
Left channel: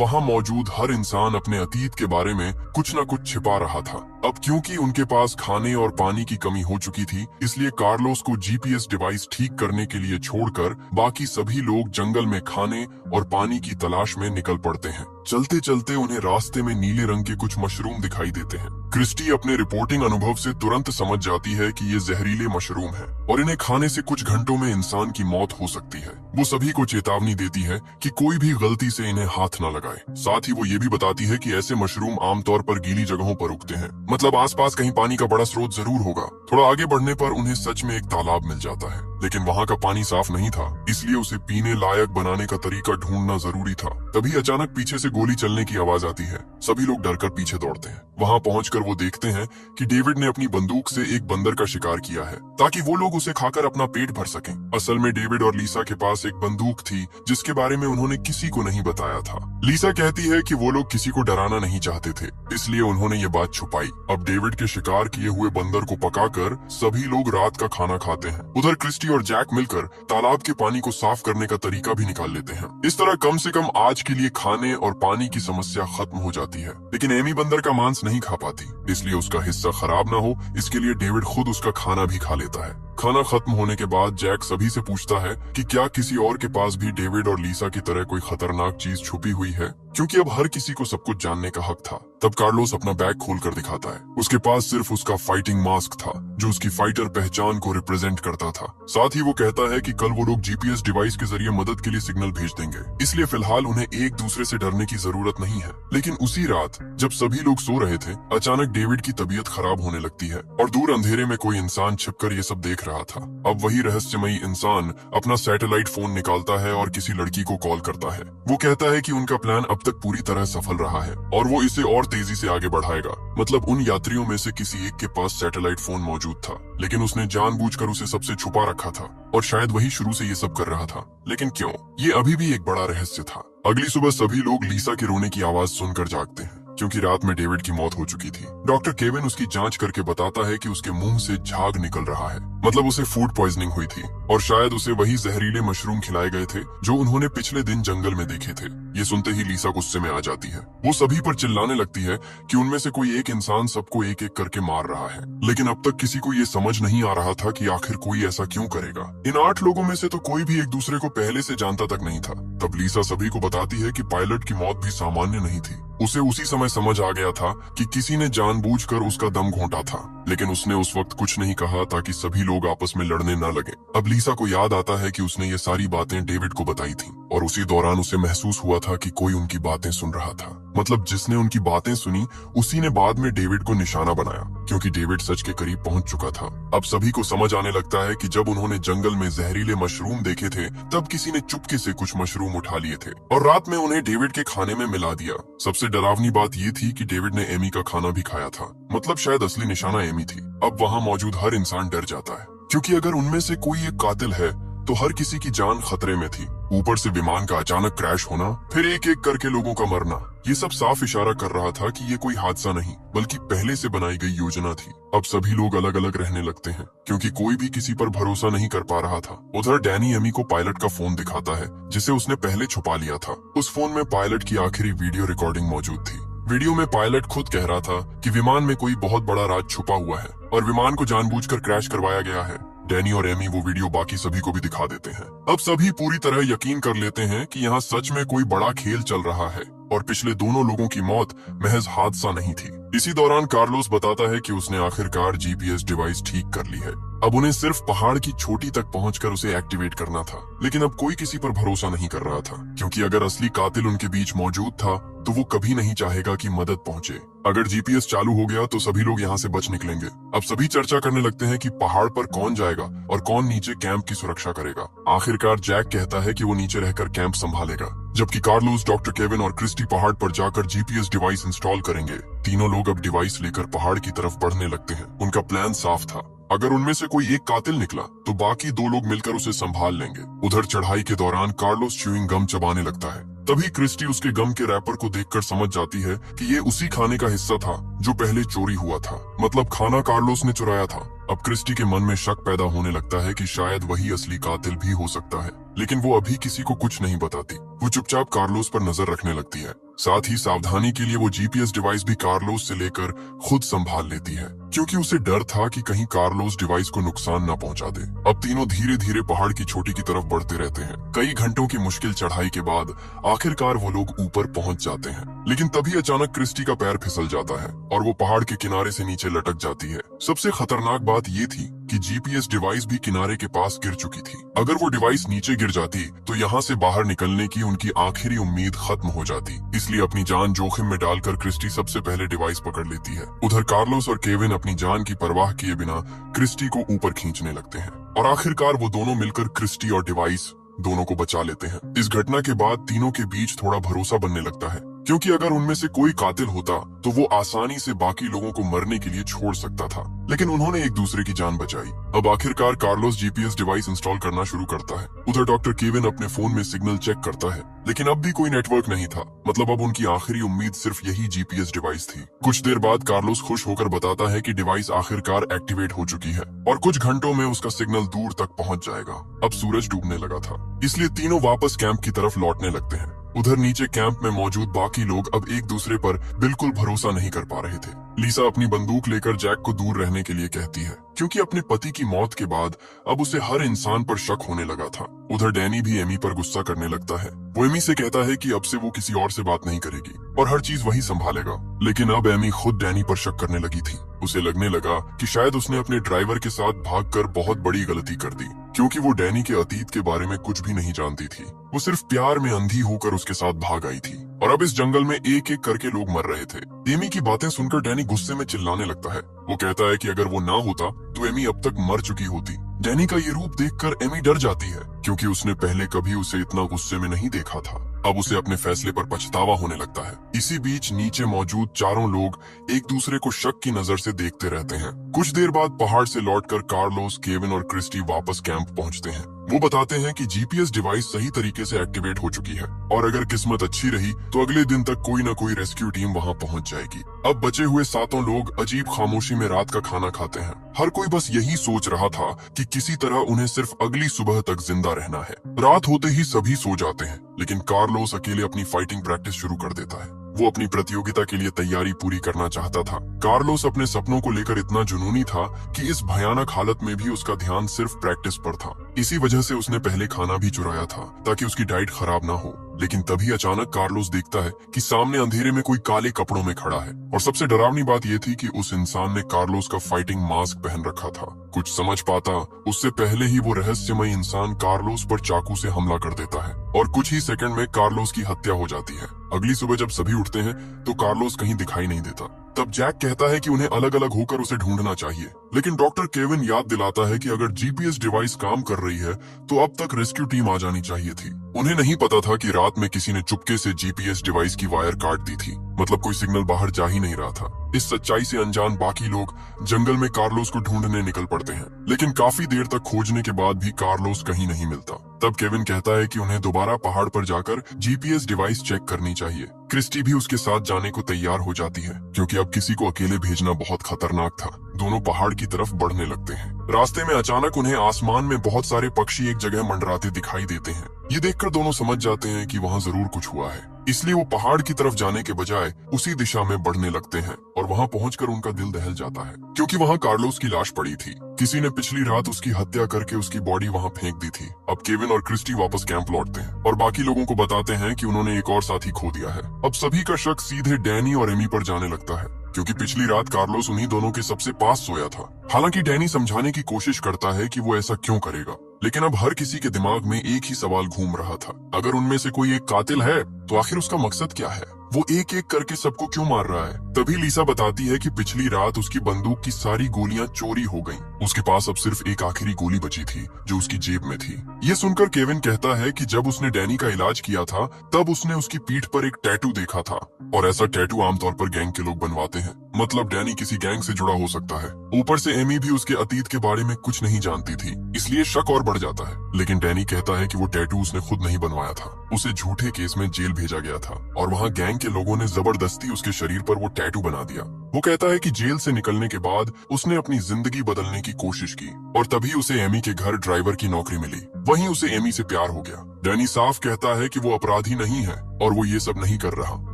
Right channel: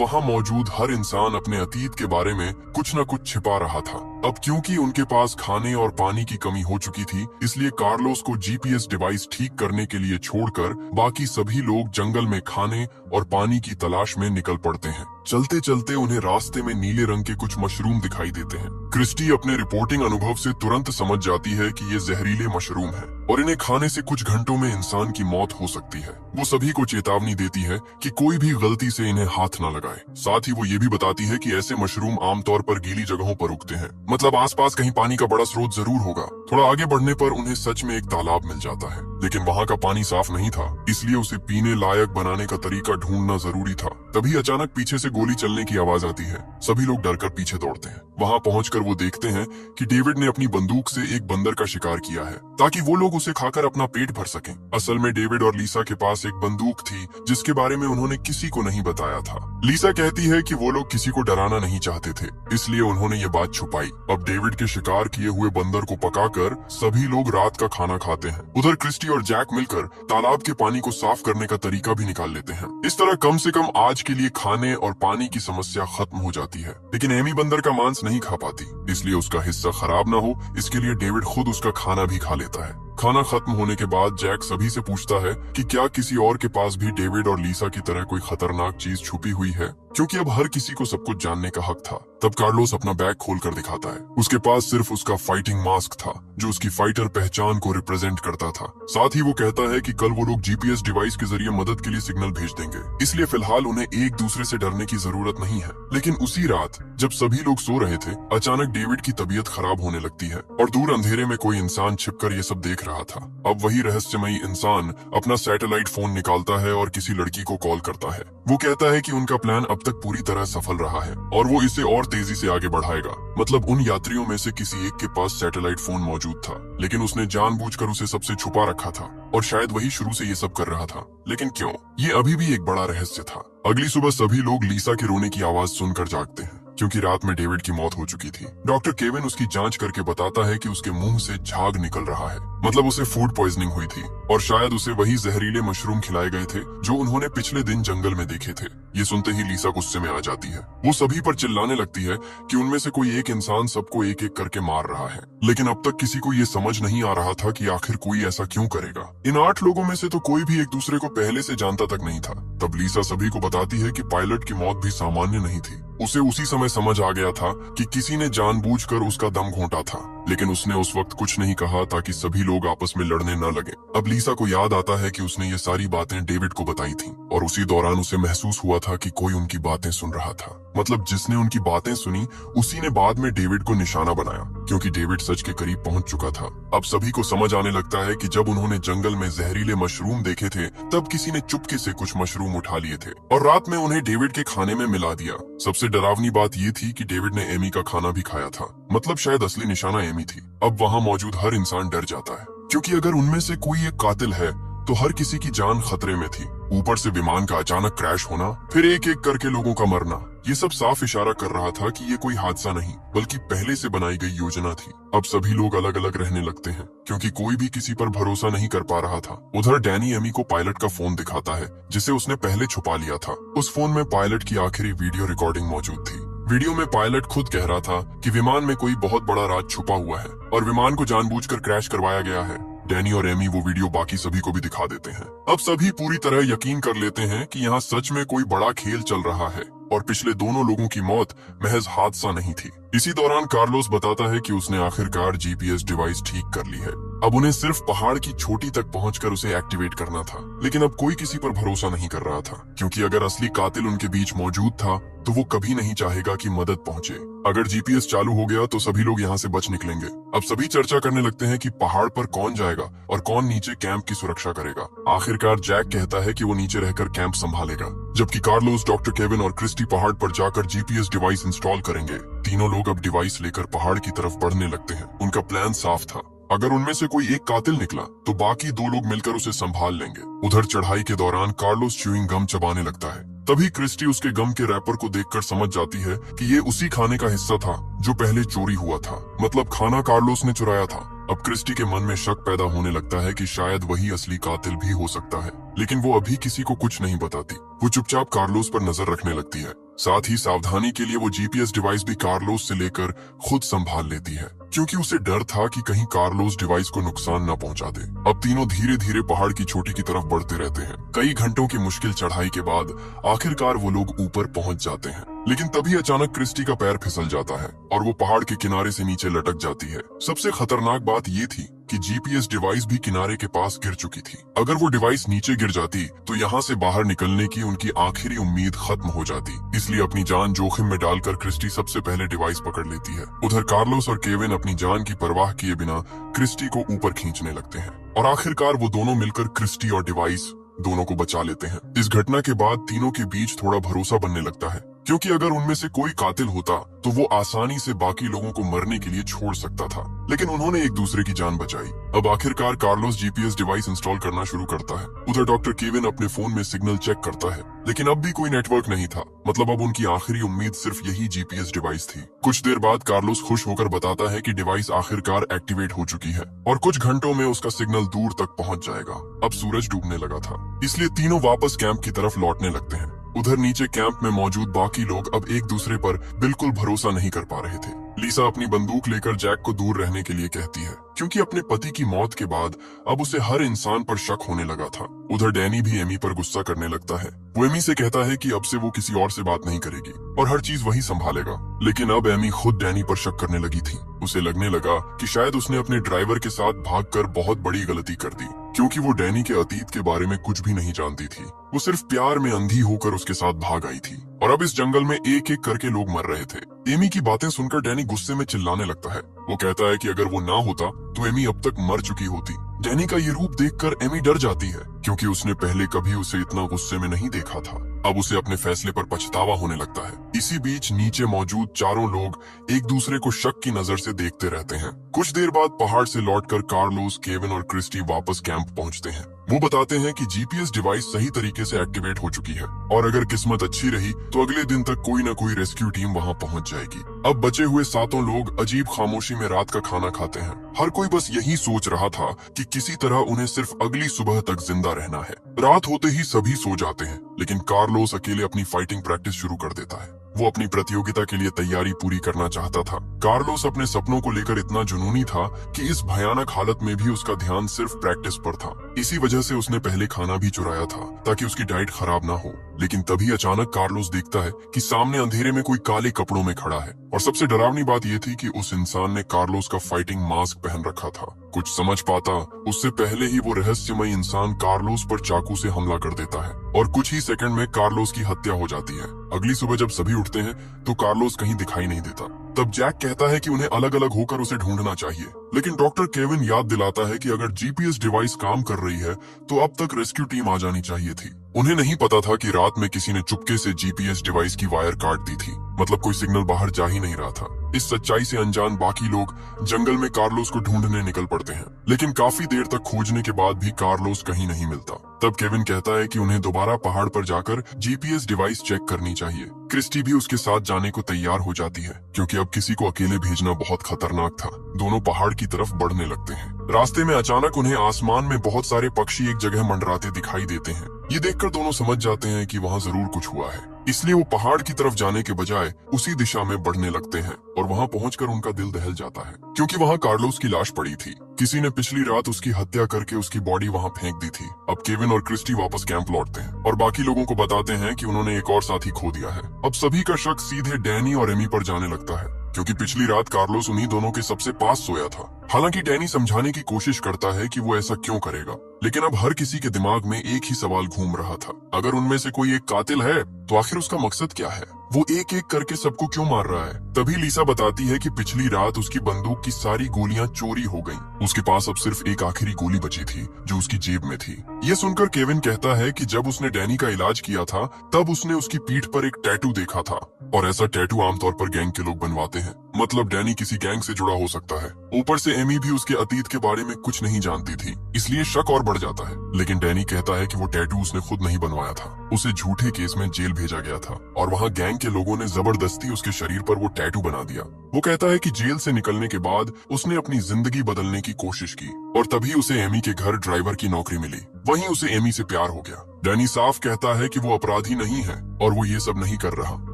वहाँ मौजूद हर इंसान अपने अतीत के बारे में कुछ न कुछ छिपा रहा था। अब क्योंकि उनके पास खाने और पानी की कमी हो चुकी थी, इसलिए कार्लोस को जीपीएस डिवाइस ठीक करने के लिए छोड़कर बाकी सभी लोग जंगल में खाने और पानी की तलाश में निकल पड़ते हैं। चलते चलते उन्हें रास्ते में नीले रंग के कुछ मशरूम दिखाई देते हैं। क्रिस्टी अपने रिपोर्टिंग अनुभव से तुरंत समझ जाती है कि ये जहरीले मशरूम है और इन्हें खाने से कुछ घंटों में इंसान की मौत हो सकती है। वो सभी को चेतावनी देती है कि कोई भी गलती से इन्हें हाथ न लगाए। साथ ही वो ये भी बताती है कि ऐसे मशरूम आमतौर पर गीली जगहों पर उगते हैं, मतलब आसपास कहीं पानी का बड़ा स्रोत जरूर होगा। थोड़ा आगे बढ़ने पर उन्हें सच में एक तालाब मिल जाता है, लेकिन वहाँ का पानी साफ नहीं था, इसलिए उसे पीने लायक बनाने का तरीका ढूंढना जरूरी था। तभी अचानक पीछे से गोली चलने की आवाज आती है। सभी लोग डरकर पीछे दौड़ते हैं। वहाँ पहुंचकर वो देखते हैं कि डेविड ने अपनी बंदूक से एक बंदर का शिकार किया है, ताकि वो लोग उसे खाकर अपना पेट भर सकें। असल में डेविड और लीसा के पास एक बंदूक थी जिसके बारे में उन्होंने किसी को नहीं बताया था। लीसा कहती है कि वो लोग किसी को डराना नहीं चाहते थे, इसलिए उन्होंने ये बात छुपाई। अब डेविड के शिकार किए हुए बंदर को पकाकर सभी लोग रात का खाना खाते हैं। उधर क्रिस्टी और जैक मिलकर तालाब के पानी को साफ करने का तरीका भी निकाल लेते हैं। इस तरह कम से कम आज के लिए खाने और पानी की समस्या खत्म हो जाती है। लेकिन एमी बंदर का मांस नहीं खा पाती, इसलिए उसका हिस्सा खराब ना हो इसके लिए डेविड खुद उसका खाना भी खा लेता है। खाना खत्म होने के बाद जैक सभी से पूछता है कि क्या किसी और के पास भी डेविड और लीसा की तरह कोई खतरनाक चीज छुपी हुई है, क्योंकि अब हर किसी को सब कुछ जानने का हक था। तब कार्लोस अपना बैग खोलकर दिखाता है। उसके पास सिर्फ उसका फाइटिंग मास्क था, जो उसकी फाइटर पहचान को रिप्रेजेंट करता था। साथ ही वो कहता है कि कल वो लोग जीपीएस डिवाइस के जरिए मदद के लिए सिग्नल भेज देंगे, इसलिए फिलहाल उन्हें एक दूसरे से डरने की जरूरत नहीं है। लेकिन उसी रात जब सभी लोग सो रहे थे, अचानक डेविड की तबीयत खराब होने लगती है और दूर अंधेरे में कोई इंसान छिपकर ये सब देख रहा था। अब वही रहस्यमयी इंसान अपना सैटेलाइट फोन निकालता है और किसी लड़की को कॉल करता है। वो कहता है कि उनका प्लान अब तक पूरी तरह सफल रहा है और वो इसे और तेजी से आगे बढ़ाएगा। मतलब उन यात्रियों में से किसी एक के पास सैटेलाइट फोन मौजूद था, लेकिन उसने जानबूझकर उसे सबसे छुपा रखा था और शायद वही शुरू से ये सब कर रहा था। लेकिन क्यों, ये अभी भी एक बड़ा रहस्य था। अगली सुबह सभी लोग लीसा की रोने की आवाज सुनकर जागते हैं, क्योंकि रात में डेविड की मौत हो चुकी थी। डॉक्टर केविन उसकी जांच करके बताता है कि उसके मुंह से झाग निकल रहा है, मतलब उसे फूड पॉइजनिंग हुई थी और शायद उसे वही जहरीले मशरूम खिलाए गए थे जो उन्होंने पिछले दिन जंगल में देखे थे। ये सुनते ही लीसा गुस्से में आ जाती है। वो सभी पर चिल्लाने लगती है कि उनमें से कोई एक इंसान सबको एक एक करके मार रहा है, लेकिन अब तक किसी को ये समझ नहीं आ रहा था कि आखिर कोई ऐसा क्यों करेगा। इन 8 लोगों में से तो कोई भी एक दूसरे को पहले से जानता तक नहीं था। तब लीसा सभी को बताती है कि पायलट की मौत भी सामान्य नहीं थी। उसे उसी समय समझ आ गया था कि किसी ने जानबूझकर उसका दम घोंटा था, लेकिन उसने उस वक्त कुछ नहीं कहा ताकि सभी लोग आपस में लड़ने न लगे। अब लीसा को याद आता है कि उसने ये सारी बातें डेविड को बताई थी और उसी दौरान उसे महसूस हुआ था कि कोई उनकी बातें सुन रहा था। मतलब जिसने उनकी बातें सुनी उसी ने बाद में डेविड को निशाना बनाया, क्योंकि डेविड सच के करीब पहुंच चुका था। अब सभी को समझ आने लगता है कि जब उन्होंने जंगल में जहरीले मशरूम देखे थे, तब किसी ने चुपके से कुछ मशरूम उठा लिए थे और रात में उन्हें डेविड के खाने में मिला दिया। सबसे डरावनी बात ये थी कि डेविड ने एमी का खाना भी खाया था, मतलब शायद असली निशाना एमी थी। अब वहाँ मौजूद हर इंसान डर जाता है, क्योंकि अगर उनमें से कोई एक कातिल है तो हर किसी की जान खतरे में थी। ऊपर से विमान का अचानक क्रैश होना, फिर एक एक करके लोगों का मरना, ये सब साफ इशारा कर रहा था कि ये कोई हादसा नहीं बल्कि पहले से बनाई गई योजना थी। अब सभी लोग अलग अलग रहने लगते हैं, क्योंकि कोई भी किसी पर भरोसा नहीं कर पा रहा था। उधर डैनी एमी को पायलट का फोन दिखाता है, जिसे उसने पहले छुपा लिया था। उस फोन में पायलट की आखिरी वीडियो रिकॉर्डिंग मौजूद थी। वीडियो में पायलट खुद कह रहा था कि विमान में कोई बहुत बड़ा राज छुपा हुआ है और विमान को जानबूझकर क्रैश करवाया गया है। डैनी और एमी वो वीडियो बाकी सभी को भी दिखा देते हैं। अब सभी पूरी तरह यकीन कर लेते हैं कि यहाँ सच में कोई बड़ा खेल चल रहा है और पिछले दोनों लोगों की मौत महज हादसा नहीं थी। इसी दौरान कार्लोस बताता है कि उसने आखिरकार जीपीएस डिवाइस ठीक कर ली है। अब उन्हें सिर्फ पहाड़ की चोटी तक पहुंचकर उसे एक्टिवेट करना था, लेकिन अब कोई किसी पर भरोसा नहीं कर रहा था, क्योंकि अगर असली कातिल उनके बीच मौजूद था तो वो कभी नहीं चाहेगा कि मदद पहुंचे। अगर जीपीएस चालू हो गया तो सभी लोग यहाँ से बच निकलेंगे। अब सभी चर्चा करने लगते हैं कि पहाड़ पर कौन जाएगा और कौन नीचे कैंप की सुरक्षा करेगा। आखिरकार जैक कहता है कि वो नीचे रहकर कैंप संभालेगा, जबकि कार्लोस, डॉक्टर केविन और क्रिस्टी पहाड़ पर जाकर जीपीएस डिवाइस इंस्टॉल करेंगे। तीनों लोग अब डिवाइस लेकर पहाड़ की तरफ बढ़ने लगते हैं। उनका प्लान साफ था, अगर उनमें से कोई एक कातिल निकला तो बाकी दो लोग मिलकर उसे संभाल लेंगे। उधर चढ़ाई के दौरान कार्लोस च्यूइंग गम चबाने लगता है। तभी क्रिस्टी उसके गम के रैपर को देखकर समझ जाती है कि ये उसी खाने का हिस्सा था जो पहले चोरी हुआ था, मतलब खाना कार्लोस ने चुराया था। अब क्रिस्टी के मन में शक पैदा होने लगता है कि शायद वही असली कातिल भी हो सकता है, लेकिन वो अभी किसी को कुछ नहीं बताती। वो चुपचाप कार्लोस पर नजर रखने लगती है। साथ ही सावधानी के लिए वो जीपीएस डिवाइस भी कार्लोस से लेकर खुद संभाल लेती है, क्योंकि उसे डर था कि कहीं कार्लोस डिवाइस को नुकसान न पहुंचा दे। अब तीनों धीरे धीरे पहाड़ की चोटी की तरफ बढ़ते रहते हैं। कई घंटों की मुश्किल चढ़ाई के बाद आखिरकार वो लोग ऊपर पहुंच जाते हैं, लेकिन तभी अचानक क्रिस्टी का पैर फिसल जाता है और वो पहाड़ के किनारे से नीचे लटक जाती है। सबसे खतरनाक बात ये थी कि जीपीएस डिवाइस भी किनारे के पास गिर चुकी थी। अगर वो डिवाइस नीचे गिर जाती तो यहाँ से बाहर निकलने की उनकी आखिरी उम्मीद खत्म हो जाती। इसलिए अपनी जान जोखिम में डालकर क्रिस्टी सबसे पहले डिवाइस पकड़ लेती है। उधर कार्लोस और केविन अपनी जान की परवाह किए बिना क्रिस्टी को ऊपर खींचने लगते हैं और आखिरकार वो दोनों मिलकर क्रिस्टी और डिवाइस दोनों को बचा लेते हैं। इस घटना के बाद तीनों के बीच थोड़ा भरोसा बनने लगता है, क्योंकि अगर उनमें से कोई कातिल होता तो वो आसानी से बाकी लोगों को मरने के लिए छोड़ सकता था, लेकिन उन्होंने एक दूसरे की जान बचाई। अब आखिरकार कार्लोस जीपीएस डिवाइस इंस्टॉल करना शुरू करता है। उधर डॉक्टर केविन अपने फोन में सिग्नल चेक करता है, लेकिन अब भी कोई नेटवर्क नहीं था। मतलब अब उनकी आखिरी उम्मीद सिर्फ यही जीपीएस डिवाइस थी। कुछ देर बाद कार्लोस खुश होकर बताता है कि डिवाइस आखिरकार एक्टिवेट हो चुकी है और कुछ घंटों में उसका सिग्नल दूर तक पहुंच जाएगा। अब सूरज डूबने लगा था, इसलिए तीनों वापस कैंप की तरफ लौटने लगते हैं। उधर नीचे कैंप में मौजूद बाकी लोग अब एक दूसरे पर बिल्कुल भरोसा नहीं कर पा रहे थे। लीसा अपनी बंदूक लेकर जैक को दूर रहने के लिए कहती है, क्योंकि अपने पति की मौत के बाद अब उसे हर इंसान पर शक होने लगा था। उधर डैनी भी एमी पर गुस्सा करने लगता है। वो एमी से कहता है कि अब से वो किसी और से बात नहीं करेगी और हर चीज वही संभालेगा। लेकिन अब एमी खुद डैनी पर शक करने लगी थी। उसे लगने लगा कि शायद उसने अपने ड्राइवर के साथ भागकर बहुत बड़ी गलती कर दी, क्योंकि वो डैनी के अतीत के बारे में कुछ भी नहीं जानती थी। वो सिर्फ प्यार में अंधी होकर उसके साथ भाग आई थी और अब इस जंगल में एक एक करके लोग मर रहे थे। एमी की बातें सुनकर डैनी गुस्से में चिल्लाने लगता है। वो कहता है कि अगर वो ना होता तो एमी अब तक मर चुकी होती। डैनी का ये रूप देखकर एमी डर जाती है, क्योंकि उसने पहले कभी उसे इतना गुस्से में नहीं देखा था। अब उसे अपने फैसले पर पछतावा होने लगता है। इसी बीच नीचे मौजूद चारों लोग एक दूसरे को शक की नजर से देखते रहते हैं। कुछ देर बाद पहाड़ से लौटकर कार्लोस, केविन और क्रिस्टी वापस कैंप पहुंचते हैं। वो बताते हैं कि जीपीएस डिवाइस सही तरीके से एक्टिवेट हो चुकी है और अगर किस्मत अच्छी रही तो अगले दिन तक कोई न कोई रेस्क्यू टीम वहां पहुंच जाएगी। अब बचे हुए सातों लोग अजीब खामोशी में रात का खाना खाते हैं। हर कोई बस यही सोच रहा था कि किसी तरह उन्हें सिर्फ अगली सुबह तक जिंदा रहना है। रात होते ही सभी सो जाते हैं, लेकिन कार्लोस अकेले अपनी फाइटिंग प्रैक्टिस शुरू कर देता है। वो अपनी प्रतियोगिता के लिए तैयारी पूरी करना चाहता था। कार्लोस अपने सपनों को लेकर इतना जुनूनी था कि इस भयानक हालत में भी उसका ध्यान सिर्फ प्रैक्टिस पर था। इसी वजह से उसने पहले खाना भी चुराया था ताकि उसकी डाइट खराब ना हो। लेकिन तभी अचानक कार्लोस देखता है कि सामने अंधेरे में कोई काले कपड़ों में खड़ा है और सबसे डरावनी बात ये थी कि उस इंसान ने कार्लोस का फाइटिंग मास्क पहन रखा था। कुछ समझ पाता उससे पहले ही वो रहस्यमय इंसान कार्लोस पर चाकू से हमला कर देता है और कुछ ही सेकंड में कार्लोस की हत्या हो जाती है। अगली सुबह जब सभी उठते हैं तो कार्लोस कहीं दिखाई नहीं देता। तब जैक कहता है कि उन्हें अलग अलग होकर उसे ढूंढना चाहिए, लेकिन डॉक्टर केविन याद दिलाता है कि अगर जीपीएस डिवाइस काम कर रही है तो अब तक रेस्क्यू टीम आ जानी चाहिए थी। उन्हें नहीं पता था कि रात में किसी ने चुपके से जीपीएस डिवाइस की वायर काट दी थी, मतलब कोई सिग्नल बाहर जा ही नहीं रहा था। इस सच्चाई से अनजान बाकी लोग जंगल में कार्लोस को ढूंढने निकल पड़ते हैं, लेकिन काफी देर तक खोजने के बाद भी कार्लोस कहीं नहीं मिलता। तब केविन कहता है कि उन्हें दोबारा पहाड़ पर जाकर जीपीएस डिवाइस चेक करनी चाहिए। क्रिस्टी भी उसके साथ जाने को तैयार हो जाती है, क्योंकि अब किसी को अकेले भेजना बहुत खतरनाक था। दोनों पहाड़ की तरफ बढ़ने लगते हैं। रास्ते में अचानक उन्हें आसमान में बहुत सारे पक्षी एक जगह मंडराते दिखाई देते हैं। ये देखकर दोनों समझ जाते हैं कि वहाँ जरूर कुछ हुआ है, इसलिए वो पहाड़ की तरफ जाने के बजाय उसी दिशा में बढ़ने लगते हैं और वहाँ पहुंचकर उनका दिल दहल जाता है, क्योंकि वहाँ कार्लोस की लाश पड़ी थी। किसी ने पिछली रात उसकी हत्या करके उसकी बॉडी वहाँ फेंक दी थी। अब केविन और क्रिस्टी वापस कैंप लौटते हैं और बाकी लोगों को बताते हैं कि उन्होंने एक और साथी खो दिया है। अब सभी का शक सीधे डैनी और एमी पर जाने लगता है, क्योंकि पिछली रात कार्लोस उन्हीं दोनों के सबसे पास सोया था। हालांकि डैनी समझाने की कोशिश करता है कि वो ऐसा क्यों करेगा, लेकिन अब हर किसी के दिमाग में एक ही सवाल घूम रहा था, अगर उनमें से कोई एक कातिल है तो आखिर उसका मकसद क्या है। वो एक एक करके सबको क्यों मार रहा है। तभी लीसा बताती है कि पिछली रात उसकी बंदूक की सारी गोलियां चोरी हो गईं। उसके पास अब सिर्फ एक आखिरी गोली बची थी जो उसकी जेब में थी। ये सुनकर केविन कहता है कि जब उसने डैनी का इलाज किया था तब उसने उसकी पीठ पर एक टैटू देखा था, और ऐसा टैटू आमतौर पर गैंग के लोग बनवाते हैं। मतलब डैनी किसी गैंग से जुड़ा हो सकता है। ऊपर से एमी भी उसके अतीत के बारे में कुछ नहीं जानती थी, इसलिए शक और बढ़ जाता है। लेकिन डैनी कहता है कि वो टैटू उसने खुद नहीं बनवाया था, उसे झूठे केस में जेल भेजा गया था और वहाँ गैंग के लोगों ने जबरदस्ती उसके शरीर पर वो टैटू बना दिया। वो कहता है कि जेल से निकलने के बाद उसने अपनी जिंदगी बदलने की कोशिश की और तभी उसे एमी के घर ड्राइवर की नौकरी मिली। वहीं उसे एमी से प्यार हो गया। डैनी साफ कहता है कि वो अपराधी नहीं है और वो ये सब नहीं कर रहा।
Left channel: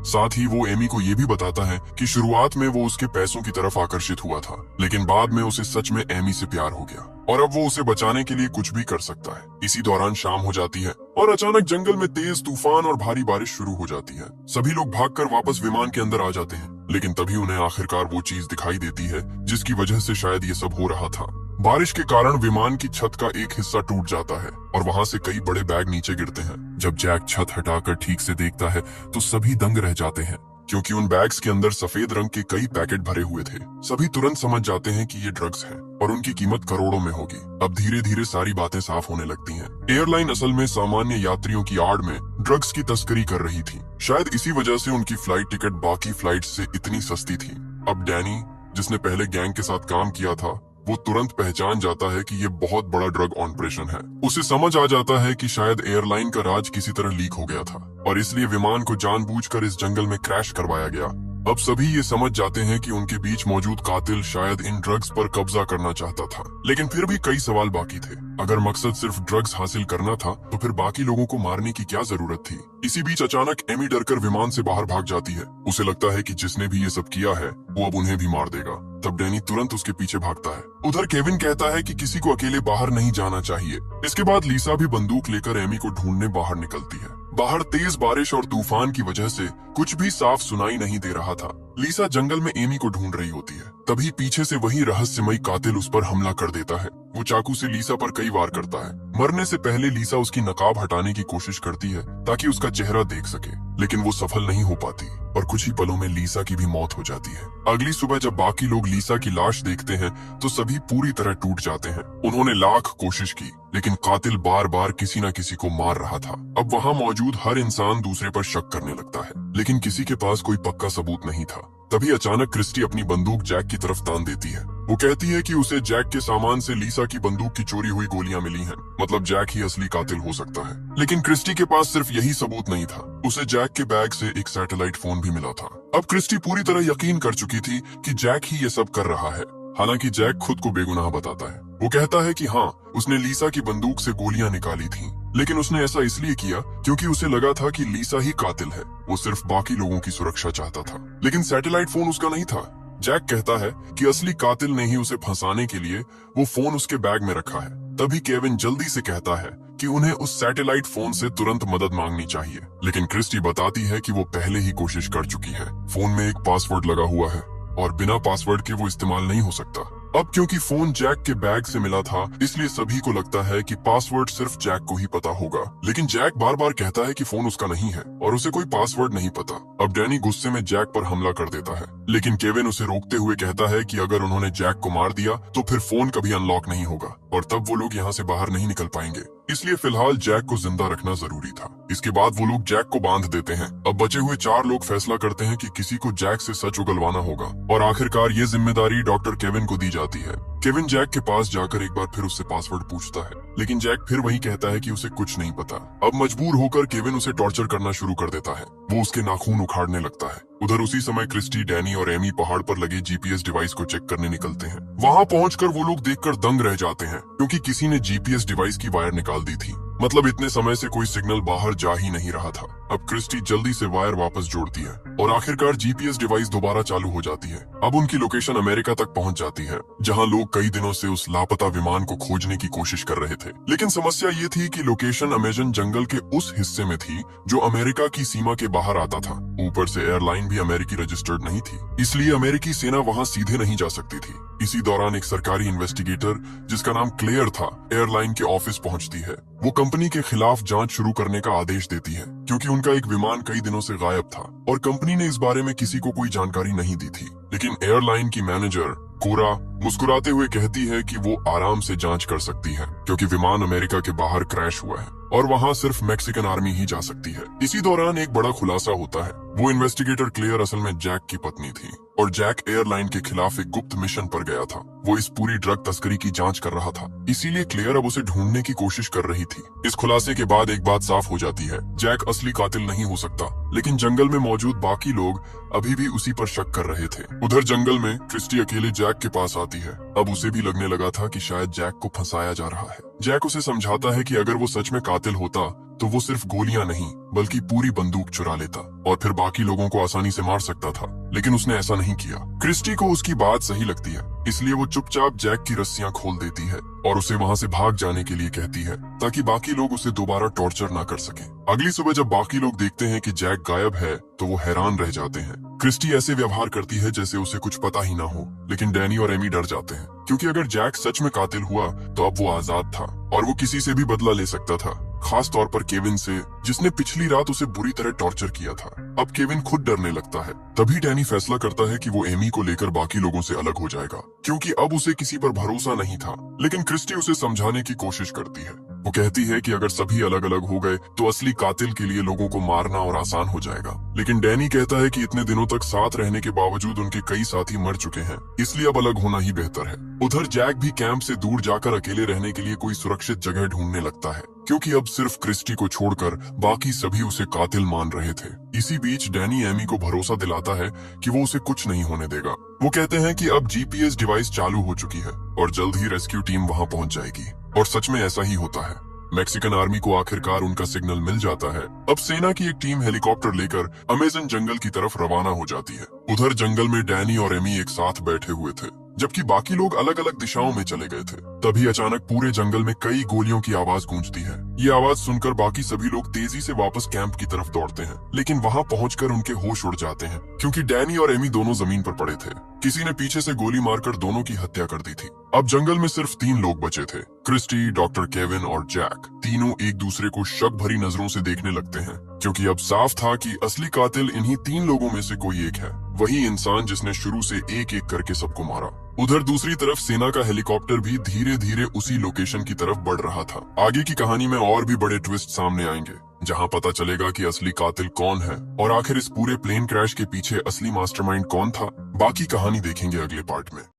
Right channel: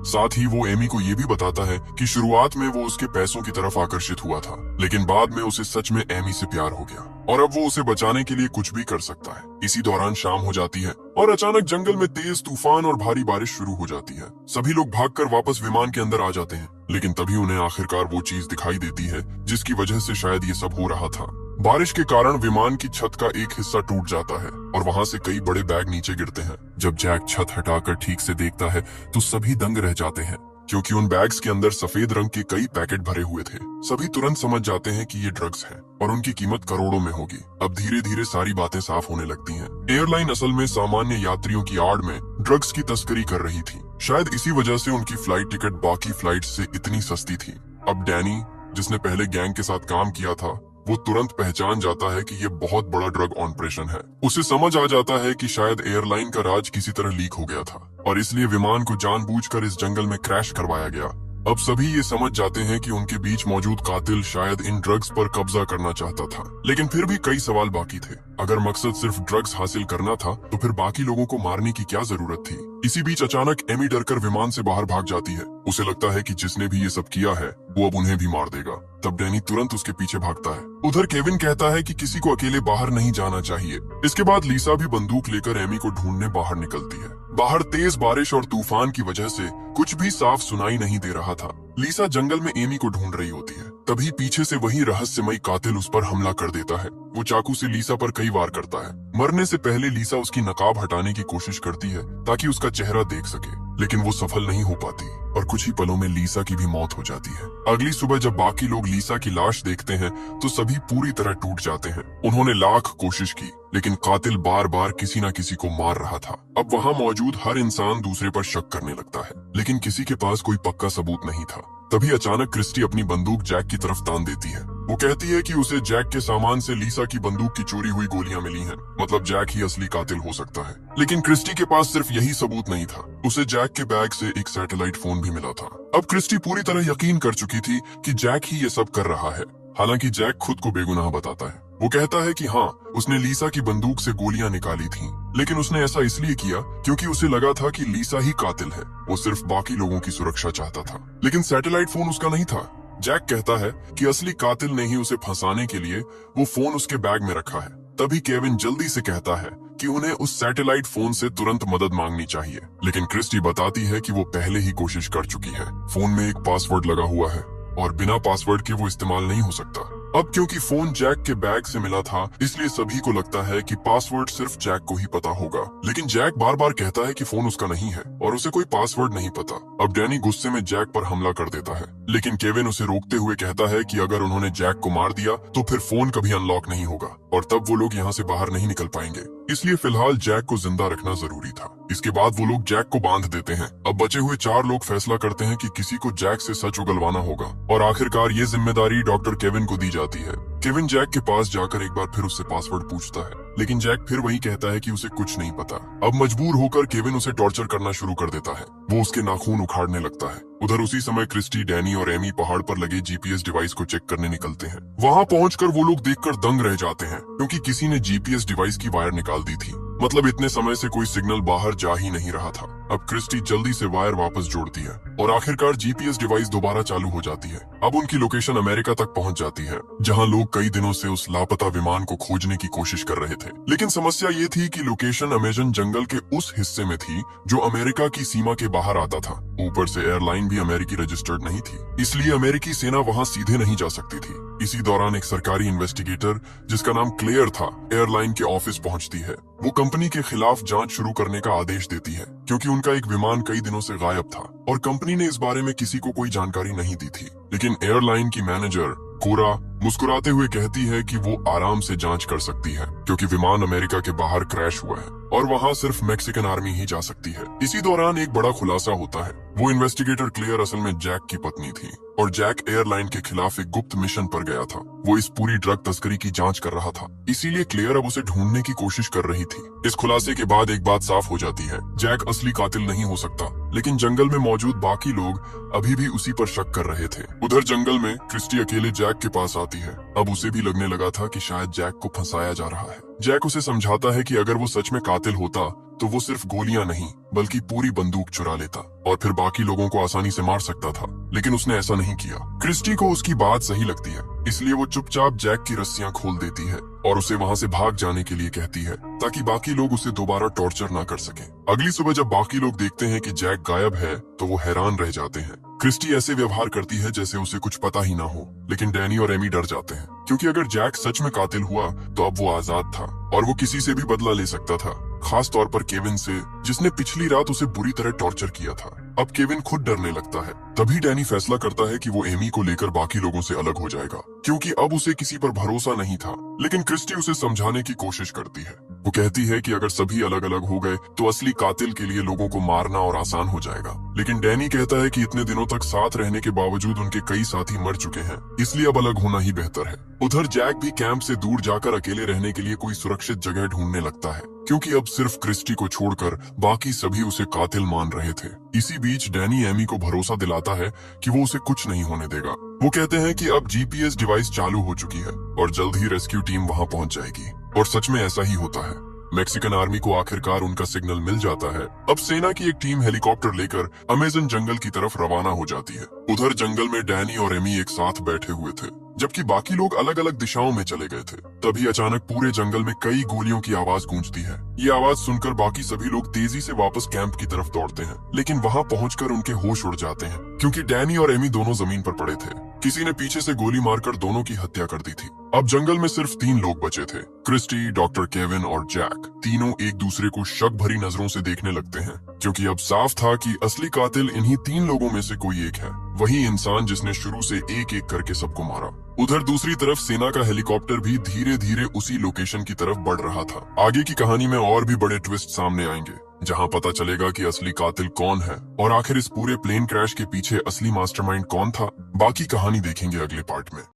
साथ ही वो एमी को ये भी बताता है कि शुरुआत में वो उसके पैसों की तरफ आकर्षित हुआ था, लेकिन बाद में उसे सच में एमी से प्यार हो गया और अब वो उसे बचाने के लिए कुछ भी कर सकता है। इसी दौरान शाम हो जाती है और अचानक जंगल में तेज तूफान और भारी बारिश शुरू हो जाती है। सभी लोग भागकर वापस विमान के अंदर आ जाते हैं, लेकिन तभी उन्हें आखिरकार वो चीज दिखाई देती है जिसकी वजह से शायद ये सब हो रहा था। बारिश के कारण विमान की छत का एक हिस्सा टूट जाता है और वहाँ से कई बड़े बैग नीचे गिरते हैं। जब जैक छत हटाकर ठीक से देखता है तो सभी दंग रह जाते हैं, क्योंकि उन बैग्स के अंदर सफेद रंग के कई पैकेट भरे हुए थे। सभी तुरंत समझ जाते हैं कि ये ड्रग्स हैं और उनकी कीमत करोड़ों में होगी। अब धीरे धीरे सारी बातें साफ होने लगती हैं। एयरलाइन असल में सामान्य यात्रियों की आड़ में ड्रग्स की तस्करी कर रही थी। शायद इसी वजह से उनकी फ्लाइट टिकट बाकी फ्लाइट से इतनी सस्ती थी। अब डैनी, जिसने पहले गैंग के साथ काम किया था, वो तुरंत पहचान जाता है कि ये बहुत बड़ा ड्रग ऑपरेशन है। उसे समझ आ जाता है कि शायद एयरलाइन का राज किसी तरह लीक हो गया था और इसलिए विमान को जानबूझकर इस जंगल में क्रैश करवाया गया। अब सभी ये समझ जाते हैं कि उनके बीच मौजूद कातिल शायद इन ड्रग्स पर कब्जा करना चाहता था, लेकिन फिर भी कई सवाल बाकी थे। अगर मकसद सिर्फ ड्रग्स हासिल करना था तो फिर बाकी लोगों को मारने की क्या जरूरत थी। इसी बीच अचानक एमी डरकर विमान से बाहर भाग जाती है। उसे लगता है कि जिसने भी ये सब किया है वो अब उन्हें भी मार देगा। तब डैनी तुरंत उसके पीछे भागता है। उधर केविन कहता है कि किसी को अकेले बाहर नहीं जाना चाहिए। इसके बाद लीसा भी बंदूक लेकर एमी को ढूंढने बाहर निकलती है। बाहर तेज बारिश और तूफान की वजह से कुछ भी साफ सुनाई नहीं दे रहा था। लीसा जंगल में एमी को ढूंढ रही होती है, तभी पीछे से वही रहस्यमयी कातिल उस पर हमला कर देता है। वो चाकू से लीसा पर कई वार करता है। मरने से पहले लीसा उसकी नकाब हटाने की कोशिश करती है ताकि उसका चेहरा देख सके, लेकिन वो सफल नहीं हो पाती और कुछ ही पलों में लीसा की भी मौत हो जाती है। अगली सुबह जब बाकी लोग लीसा की लाश देखते हैं तो सभी पूरी तरह टूट जाते हैं। उन्होंने लाख कोशिश की, लेकिन कातिल बार बार किसी न किसी को मार रहा था। अब वहाँ मौजूद हर इंसान दूसरे पर शक करने लगता है, लेकिन किसी के पास कोई पक्का सबूत नहीं था। तभी अचानक क्रिस्टी अपनी बंदूक जैक की तरफ तान देती है। वो कहती है कि उसे जैक के सामान से लीसा की बंदूक की चोरी हुई गोलियां मिली हैं, मतलब जैक ही असली कातिल हो सकता है। लेकिन क्रिस्टी के पास सिर्फ यही सबूत नहीं था, उसे जैक के बैग से एक सैटेलाइट फोन भी मिला था। अब क्रिस्टी पूरी तरह यकीन कर चुकी थी कि जैक ही ये सब कर रहा है। हालांकि जैक खुद को बेगुनाह बताता है। वो कहता है कि हाँ, उसने लीसा की बंदूक से गोलियां निकाली थीं, लेकिन उसने ऐसा इसलिए किया क्योंकि उसे लगा था कि लीसा ही कातिल है। वो सिर्फ बाकी लोगों की सुरक्षा चाहता था, लेकिन सैटेलाइट फोन उसका नहीं था। जैक कहता है कि असली कातिल ने ही उसे फंसाने के लिए वो फोन उसके बैग में रखा है। तभी केविन जल्दी से कहता है कि उन्हें उस सैटेलाइट फोन से तुरंत मदद मांगनी चाहिए, लेकिन क्रिस्टी बताती है कि वो पहले ही कोशिश कर चुकी है। फोन में एक पासवर्ड लगा हुआ है और बिना पासवर्ड के वो इस्तेमाल नहीं हो सकता। अब क्योंकि फोन जैक के बैग से मिला था, इसलिए सभी को लगता है कि पासवर्ड सिर्फ जैक को ही पता होगा। लेकिन जैक बार बार कहता है कि फोन उसका नहीं है और उसे कोई पासवर्ड नहीं पता। अब डैनी गुस्से में जैक पर हमला कर देता है, लेकिन केविन उसे रोकते हुए कहता है कि अगर उन्होंने जैक को मार दिया तो फिर फोन कभी अनलॉक नहीं होगा और तब वो लोग यहाँ से बाहर नहीं निकल पाएंगे। इसलिए फिलहाल जैक को जिंदा रखना जरूरी था। इसके बाद वो लोग जैक को बांध देते हैं। अब बचे हुए 4 लोग फैसला करते हैं कि किसी को जैक से सच उगलवाना होगा और आखिरकार ये जिम्मेदारी डॉक्टर केविन को दी जाती है। केविन जैक के पास जाकर एक बार फिर उससे पासवर्ड पूछता है, लेकिन जैक फिर वही कहता है कि उसे कुछ नहीं पता। अब मजबूर होकर केविन उसे टॉर्चर करना शुरू कर देता है। वो उसके नाखून उखाड़ने लगता है। उधर उसी समय क्रिस्टी, डैनी और एमी पहाड़ पर लगे जीपीएस डिवाइस को चेक करने निकलते हैं। वहाँ पहुंचकर वो लोग देखकर दंग रह जाते हैं, क्योंकि किसी ने जीपीएस डिवाइस की वायर निकाल दी थी। मतलब इतने समय से कोई सिग्नल बाहर जा ही नहीं रहा था। अब क्रिस्टी जल्दी से वायर वापस जोड़ती है और आखिरकार जीपीएस डिवाइस दोबारा चालू हो जाती है। अब उनकी लोकेशन अमेरिका तक पहुंच जाती है, जहां लोग कई दिनों से उस लापता विमान को खोजने की कोशिश कर रहे थे। लेकिन समस्या ये थी कि लोकेशन अमेजन जंगल के उस हिस्से में थी जो अमेरिका की सीमा के बाहर आता था। ऊपर से एयरलाइन भी अमेरिकी रजिस्टर्ड नहीं थी, इसलिए अमेरिकी सेना वहां सीधे नहीं जा सकती थी। इसी दौरान एक सरकारी इन्वेस्टिगेटर जिसका नाम क्लेयर था, एयरलाइन के ऑफिस पहुंचती है। वो कंपनी के खिलाफ जांच शुरू करने का आदेश देती है क्योंकि उनका एक विमान कई दिनों से गायब था और कंपनी ने इस बारे में किसी को कोई जानकारी नहीं दी थी। लेकिन एयरलाइन की मैनेजर कोरा मुस्कुराते हुए कहती है कि वो आराम से जांच कर सकती है क्योंकि विमान अमेरिका के बाहर क्रैश हुआ है और वहाँ सिर्फ मैक्सिकन आर्मी ही जा सकती है। इसी दौरान एक बड़ा खुलासा होता है। वो इन्वेस्टिगेटर क्लेयर असल में जैक की पत्नी थी और जैक एयरलाइन के खिलाफ एक गुप्त मिशन पर गया था। वो इस पूरी ड्रग तस्करी की जांच कर रहा था, इसीलिए क्लेयर अब उसे ढूंढने की कोशिश कर रही थी। इस खुलासे के बाद एक बात साफ हो जाती है, जैक असली कातिल नहीं हो सकता। लेकिन जंगल में मौजूद बाकी लोग अभी भी उसी पर शक कर रहे थे। उधर जंगल में क्रिस्टी अकेले जैक के पास आती है। अब उसे भी लगने लगा था कि शायद जैक को फंसाया जा रहा है। जैक उसे समझाता है कि अगर वो सच में कातिल होता तो वो सिर्फ गोलियां नहीं बल्कि पूरी बंदूक चुरा लेता और फिर बाकी लोगों को आसानी से मार सकता था। लेकिन उसने ऐसा नहीं किया। क्रिस्टी को उसकी बात सही लगती है, इसलिए वो चुपचाप जैक की रस्सियां खोल देती है और उसे वहां से भाग जाने के लिए कहती है ताकि बाकी लोग उसे दोबारा टॉर्चर ना कर सके। अगली सुबह जब बाकी लोग देखते हैं कि जैक गायब है तो वो हैरान रह जाते हैं। क्रिस्टी ऐसे व्यवहार करती है जैसे उसे कुछ पता ही ना हो, लेकिन डैनी और एमी डर जाते हैं क्योंकि अगर जैक सच में कातिल हुआ तो अब वो आजाद था और वो किसी से भी बदला ले सकता था, खास तौर पर केविन से, जिसने पिछली रात उसे बुरी तरह टॉर्चर किया था। अब केविन खुद डरने लगता है। तभी डैनी फैसला करता है कि वो एमी को लेकर बाकी लोगों से अलग हो जाएगा क्योंकि अब उसे किसी पर भरोसा नहीं था। लेकिन क्रिस्टी उसे समझाने की कोशिश करती है। वो कहती है कि अगर सभी अलग अलग हो गए तो असली कातिल के लिए लोगों को मारना और आसान हो जाएगा। लेकिन डैनी कहता है कि इतने दिनों तक साथ रहने के बावजूद उनके कई साथी मर चुके हैं, इसलिए अब अलग होना ही बेहतर है। उधर जैक भी कैंप से दूर जाकर अकेले रहने के लिए कोई सुरक्षित जगह ढूंढने लगता है क्योंकि अब सिर्फ क्रिस्टी को छोड़कर बाकी सभी उसे कातिल मान रहे थे। इसी बीच डैनी एमी को भरोसा दिलाता है कि वो उसे कुछ नहीं होने देगा। वो कहते हैं कि अब जीपीएस डिवाइस चालू हो चुकी है और जल्द ही रेस्क्यू टीम वहां पहुंच जाएगी। और सच में ऐसा ही होता है। मैक्सिकन आर्मी को आखिरकार उनका सिग्नल मिल जाता है। अब सेना की एक टीम हेलीकॉप्टर लेकर अमेजन जंगल की तरफ रवाना हो जाती है। उधर जंगल में डैनी और एमी एक साथ बैठे हुए थे जबकि बाकी लोग अलग अलग दिशाओं में चले गए थे। तभी अचानक पूरे जंगल में कई गोलियों की आवाज गूंजती है। ये आवाज सुनकर बाकी सभी लोग तेजी से वापस कैंप की तरफ दौड़ते हैं, लेकिन वहां पहुंचकर उनके होश उड़ जाते हैं क्योंकि डैनी और एमी दोनों जमीन पर पड़े थे। किसी ने पीछे से गोली मारकर दोनों की हत्या कर दी थी। अब जंगल में सिर्फ 3 लोग बचे थे, क्रिस्टी, डॉक्टर केविन और जैक। तीनों एक दूसरे को शक भरी नजरों से देखने लगते हैं क्योंकि अब साफ था कि असली कातिल इन्हीं 3 लोगों में से कोई एक है, वही इंसान जिसने शुरू से एक एक करके सबको मारा। उधर दूसरी तरफ सेना का हेलीकॉप्टर भी धीरे धीरे उसी लोकेशन की तरफ बढ़ रहा था। आगे की कहानी में और भी बड़े ट्विस्ट सामने आएंगे जहां पता चलेगा कि असली कातिल कौन है और आखिर इस पूरे प्लेन क्रैश के पीछे असली मास्टरमाइंड कौन था। बाकी कहानी देखेंगे अगले पार्ट में।